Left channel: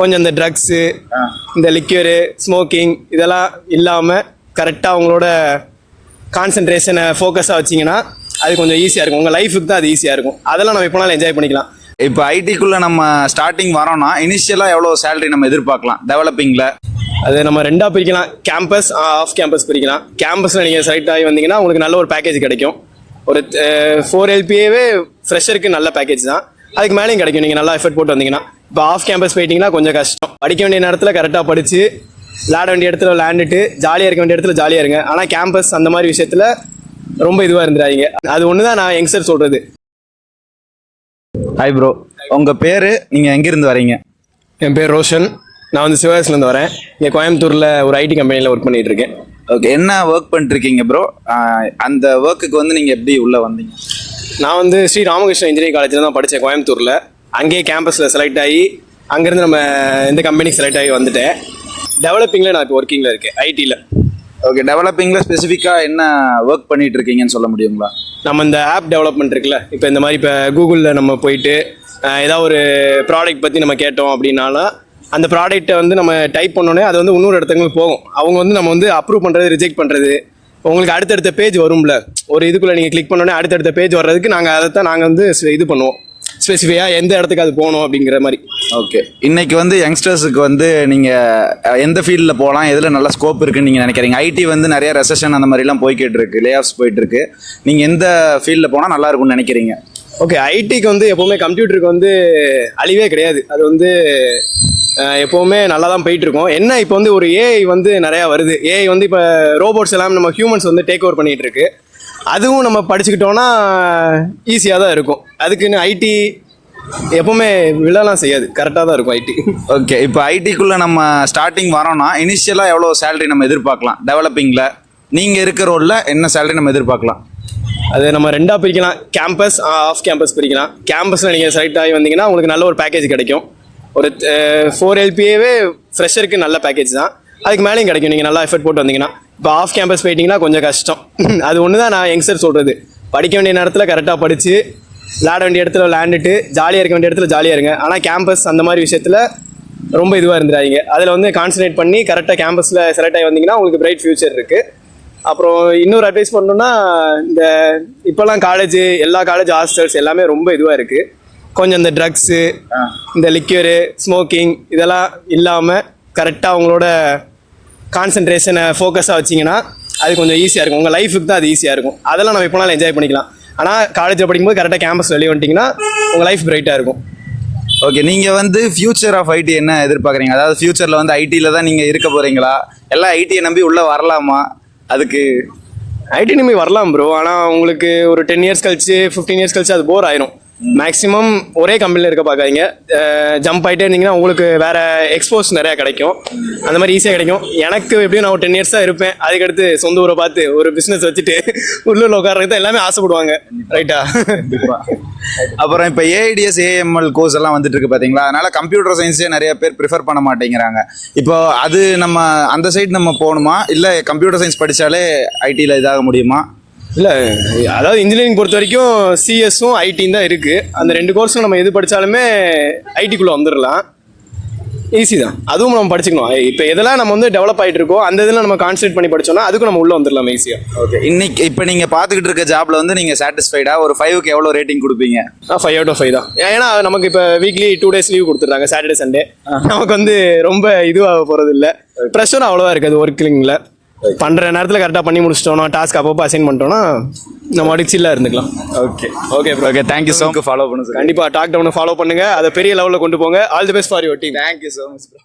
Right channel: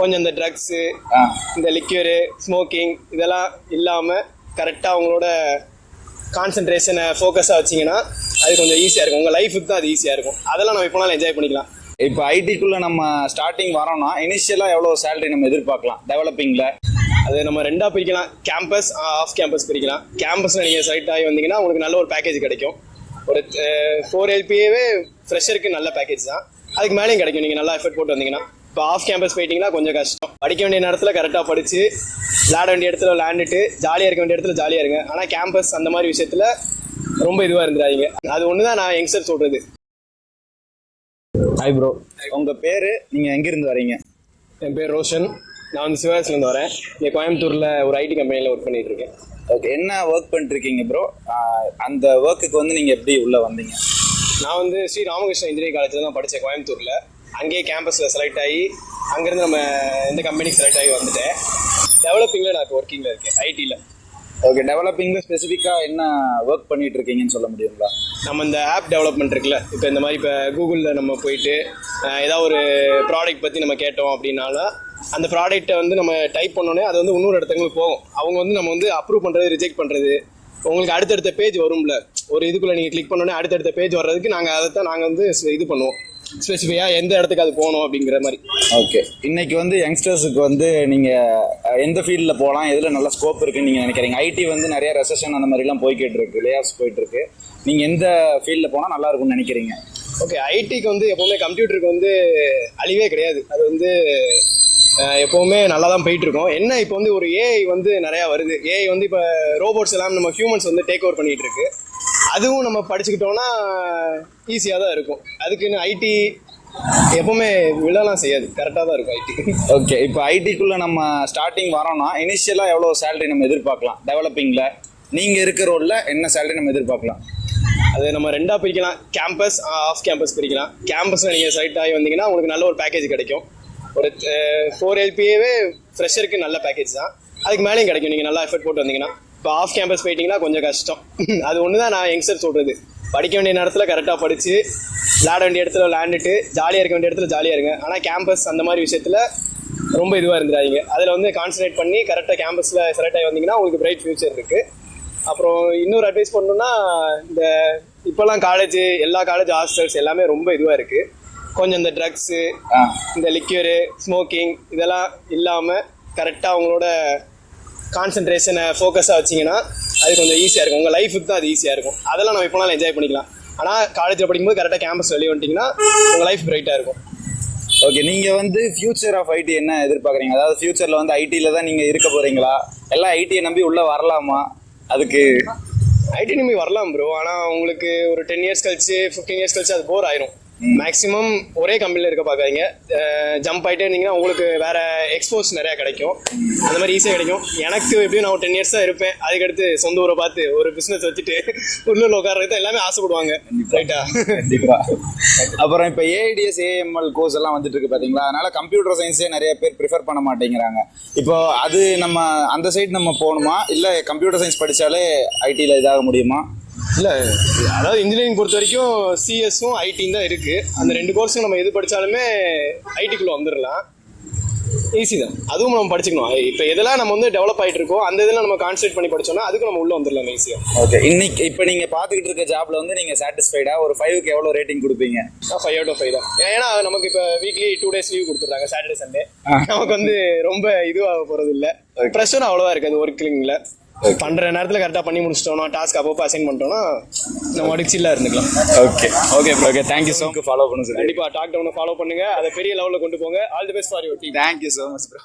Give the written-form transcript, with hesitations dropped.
கொஞ்சம் இந்த ட்ரக்ஸு, இந்த லிக்யூரு, ஸ்மோக்கிங் இதெல்லாம் இல்லாமல் கரெக்டாக அவங்களோட கான்சன்ட்ரேஷனை ஃபோக்கஸாக வச்சிங்கன்னா அது கொஞ்சம் ஈஸியாக இருக்கும். உங்கள் லைஃபுக்கு தான் அது ஈஸியாக இருக்கும். அதெல்லாம் நம்ம எப்போனாலும் என்ஜாய் பண்ணிக்கலாம். இப்போ ஐடிக்குள்ளே நம்ம ஸ்டார்டிங் வரோம்னா இனிஷியலாக எவ்வளோ சேலரி நம்ம எதிர்பார்க்கலாம் டெவலப்பிங்கில்? அது நம்ம ரெண்டாக பிரிக்கலாம். கேம்பஸ், ஆஃப் கேம்பஸ் பிரிக்கலாம். கேம்பஸில் நீங்கள் செலக்ட் ஆகி வந்தீங்கன்னா உங்களுக்கு நல்ல ஒரு பேக்கேஜ் கிடைக்கும். ஒரு 4 LPAவே ஃப்ரெஷருக்கு நல்ல பேக்கேஜ் தான். அதுக்கு மேலேயும் கிடைக்கும் நீங்கள் நல்லா எஃபர்ட் போட்டு வந்தீங்கன்னா. இப்போ ஆஃப் கேம்பஸ் போயிட்டீங்கன்னா கொஞ்சம் கஷ்டம். படிக்க வேண்டிய நேரத்தில் கரெக்டாக படித்து, விளையாட வேண்டிய இடத்துல விளையாண்டுட்டு, ஜாலியாக இருக்க வேண்டிய இடத்துல ஜாலியாக இருங்க. ஆனால் கேம்பஸ் அந்த மாதிரி விஷயத்தில் ரொம்ப இதுவாக இருந்துடாதீங்க. அது ஒன்று தான் நான் யங்ஸ்டர் சொல்கிறது. ஹாய் ப்ரோ, உங்கள் பேர், நீங்கள் எங்கேருந்து வரீங்க? என் பேர் ரோஷன். நான் வந்து சிவகாசிலேருந்து வரேன். இங்கே கோயம்புத்தூரில் ஒரு ஐடி கம்பெனியில் ஒர்க் பண்ணிகிட்டு இருக்கேன். ஓகே, என்ன ஒர்க் பண்ணிட்டுருக்கீங்க ப்ரோ? அந்த ஒர்க்குக்கு வந்து நீங்கள் எப்படி உள்ளே வந்தீங்க? நான் வந்து ஸ்ரீ ராமகிருஷ்ண இன்ஜினியரிங் காலேஜில் தான் படித்தேன் கோயம்புத்தூரில். அங்கேயே கேம்பஸில் செலக்ட் ஆகி அங்கேருந்து நம்ம இந்த கம்பெனிக்கு செலக்ட் ஆகி வந்துட்டேன். டெவலப்பிங்கில் நான் இப்போ ஒர்க்கிங்கில் இருக்கேன், ஐடியில். ஓகே, டெவலப்பிங்கில் ஸ்பெசிஃபிக்காக என்ன ஒர்க் பண்ணிகிட்டு இருக்கீங்கன்னு சொல்ல முடியுங்களா? நம்ம இந்த ஆப் டெவலப்மெண்ட் இருக்குல்ல, இப்போ இந்த மாதிரி இப்போ கூகுளில் நம்ம போயிட்டு ஏதாவது ஒரு ப்ராடக்ட் பற்றி நம்ம கேட்டோம் அப்படின்னாலும் அந்த ப்ராடக்ட்டை வந்து நம்ம டைப் பண்ணோன்னே அது வந்து இன்னொரு இடத்துக்கு போகும். அவங்க வந்து நம்ம வந்து அப்ரூவ் பண்ணுறது, ரிஜெக்ட் பண்ணுறது, உங்களுக்கு அடுத்தடுத்த பேஜ் வரும்ல. ஒரு இதுக்குள்ளே நீங்கள் கிளிக் பண்ணோன்னே அடுத்தடுத்த பேஜ் வர்றதுக்கு நாங்கள் வந்து இது பண்ணுவோம், ஸ்பெசிஃபிக்காக எந்த இடத்துக்கு அது போகணும் அப்படிங்கிற மாதிரி. ஓகே, இன்னைக்கு வந்து யங்ஸ்டர்ஸுக்கு வந்து நீங்கள் எந்த ஃபீல்டில் போகலாம், எதில் நல்ல ஸ்கோப் இருக்குன்னு நீங்கள் நினைக்கிறீங்க? ஐடி வந்து நிறைய ரெசஷன் அந்த மாதிரிலாம் போய்கிட்டு இருக்கு, லே ஆஃப்ஸ் போயிட்டு இருக்கு. நீங்கள் எந்த ஃபீல்டில் போனால் நல்லா இருக்கும்னு நினைக்கிறீங்க? ஓகே, ஐடிக்கு வந்து எப்போவுமே கம்ப்யூட்டருக்கு வந்து அழிவே கிடையாது. அது வந்து எப்போவுமே நல்லா தான் போயிட்டுருக்கோம். என்ன இப்போ வந்து ஒரு ஏஐ வந்து நிறையா வருது. ஏஐ வந்து இப்போ ரோபோட்ஸ் எல்லாம் நம்ம ஹியூமன்ஸ் வந்து டேக் ஓவர் பண்ணிகிட்டு இருக்கு. அதுவும் நம்ம படிச்சுக்கிட்டோன்னா ஈஸியாக தான் இருக்கும். அதுக்குன்னு ஐடி எப்போவுமே விழலாம் செய்யாது, கரெக்டாக தான் இருக்கும் ஐடி. ஓகே, இப்போ ஐடிக்குள்ளே நம்ம ஸ்டார்டிங் வரோம்னா இனிஷியலாக எவ்வளோ சேலரி நம்ம எதிர்பார்க்கலாம் டெவலப்பிங்கில்? நீங்கள் இருக்கிற ரோலில் என்ன சேலரி நம்ம எதிர்பார்க்கலாம்? அது நம்ம ரெண்டாக பிரிக்கலாம். கேம்பஸ், ஆஃப் கேம்பஸ் பிரிக்கலாம். கேம்பஸில் நீங்கள் செலக்ட் ஆகி வந்தீங்கன்னா உங்களுக்கு நல்ல ஒரு பேக்கேஜ் கிடைக்கும். ஒரு 4 LPAவே ஃப்ரெஷருக்கு நல்ல பேக்கேஜ் தான். அதுக்கு மேலேயும் கிடைக்கும் நீங்கள் நல்லா எஃபர்ட் போட்டு வந்தீங்கன்னா. இப்போ ஆஃப் கேம்பஸ் போயிட்டீங்கன்னா கொஞ்சம் கஷ்டம். அது ஒன்று தான் நான் யங்ஸ்டர் சொல்கிறது. படிக்க வேண்டிய நேரத்தில் கரெக்டாக படித்து, விளையாட வேண்டிய இடத்துல விளையாண்டுட்டு, ஜாலியாக இருக்க வேண்டிய இடத்துல ஜாலியாக இருங்க. ஆனால் கேம்பஸ் அந்த மாதிரி விஷயத்தில் ரொம்ப இதுவாக இருந்துடாதீங்க. அதில் வந்து கான்சன்ட்ரேட் பண்ணி கரெக்டாக கேம்பஸில் செலக்ட் ஆகி வந்தீங்கன்னா உங்களுக்கு பிரைட் ஃபியூச்சர் இருக்குது. அப்புறம் இன்னொரு அட்வைஸ் பண்ணணுன்னா, இந்த இப்போல்லாம் எல்லா காலேஜ் ஹாஸ்டல்ஸ் எல்லாமே ரொம்ப இதுவாக இருக்குது. கொஞ்சம் இந்த ட்ரக்ஸு, இந்த லிக்யூரு, ஸ்மோக்கிங் இதெல்லாம் இல்லாமல் கரெக்டாக அவங்களோட கான்சன்ட்ரேஷனை ஃபோக்கஸாக வச்சிங்கன்னா அது கொஞ்சம் ஈஸியாக இருக்கும். உங்கள் லைஃபுக்கு தான் அது ஈஸியாக இருக்கும். அதெல்லாம் நம்ம எப்போனாலும் என்ஜாய் பண்ணிக்கலாம். ஆனால் காலேஜில் படிக்கும்போது கரெக்டாக கேம்பஸ் வெளியே வந்துட்டிங்கன்னா உங்கள் லைஃப் பிரைட்டாக இருக்கும். ஓகே, நீங்கள் வந்து ஃபியூச்சர் ஆஃப் ஐடி என்ன எதிர்பார்க்குறீங்க? அதாவது ஃபியூச்சரில் வந்து ஐடியில் தான் நீங்கள் இருக்க போகிறீங்களா, எல்லாம் ஐடியை நம்பி உள்ளே வரலாமா? அதுக்கு ஐடி நம்பி வரலாம் ப்ரோ. ஆனால் உங்களுக்கு ஒரு 10 years கழிச்சு, 15 years கழிச்சு அது போர் ஆயிரும். மேக்ஸிமம் ஒரே கம்பெனியில் இருக்க பார்க்காதீங்க. ஜம்ப் ஆகிட்டே இருந்தீங்கன்னா உங்களுக்கு வேறு எக்ஸ்போஸ் நிறையா கிடைக்கும். அந்த மாதிரி ஈஸியாக கிடைக்கும். எனக்கு எப்படியும் நான் ஒரு 10 years தான் இருப்பேன். அதுக்கடுத்து சொந்த ஊரை பார்த்து ஒரு பிஸ்னஸ் வச்சுட்டு உள்ளூரில் உட்கார்றது தான் எல்லாமே ஆசைப்படுவாங்க, ரைட்டா? கண்டிப்பாக. அப்புறம் இப்போ ஏஐடிஎஸ், ஏஎம்எல் கோர்ஸ் எல்லாம் வந்துட்டு இருக்கு பார்த்தீங்களா? அதனால கம்ப்யூட்டர் சயின்ஸே நிறைய பேர் ப்ரிஃபர் பண்ண மாட்டேங்கிறாங்க. இப்போ அது நம்ம அந்த சைடு நம்ம போகணுமா, இல்லை கம்ப்யூட்டர் சயின்ஸ் படித்தாலே ஐடியில் இதாக முடியுமா? இல்லை, அதாவது இன்ஜினியரிங் பொறுத்த வரைக்கும் சிஎஸும் ஐடியும் தான் இருக்குது. அந்த 2 கோர்ஸும் நம்ம எது படித்தாலுமே ஐடிக்குள்ளே வந்துடலாம். ஈஸி தான், அதுவும் நம்ம படிச்சுக்கணும். இப்போ எதெல்லாம் நம்ம வந்து டெவலப் ஆகிட்டு இருக்கோம் அந்த இதில் நம்ம கான்சன்ட்ரேட் பண்ணி படித்தோம்னா அதுக்கும் நம்ம உள்ளே வந்துடலாம் ஈஸியாக. ஓகே, இன்னைக்கு இப்போ நீங்கள் பார்த்துக்கிட்டு இருக்க ஜாப்ல வந்து நீங்கள் சாட்டிஸ்ஃபைடாக ஒரு 5க்கு எவ்வளோ ரேட்டிங் கொடுப்பீங்க? 5 out of 5 தான். ஏன்னா நமக்கு இப்போ வீக்லி 2 days லீவ் கொடுத்துட்றாங்க, சாட்டர்டே சண்டே. நமக்கு வந்து ரொம்ப இதுவாக போகிறது இல்லை, ப்ரெஷரும் அவ்வளோவா இருக்காது ஒர்க்கிங்கில். பண்ணுற நேரத்தில் கரெக்டாக பண்ணி முடிச்சிட்டோம்னா, டாஸ்க் அப்பப்போ அசைன் பண்ணிட்டோம்னா நம்ம அடிச்சில்லாம் இருந்துக்கலாம். Okay okay bro, okay, thank you so much. Follow பண்ணுங்க, கண்டிப்பாக டாக் டவுனை ஃபாலோ பண்ணுங்கள். அதை பெரிய லெவலில் கொண்டு போங்க. All the best for your team. Thank you so much bro.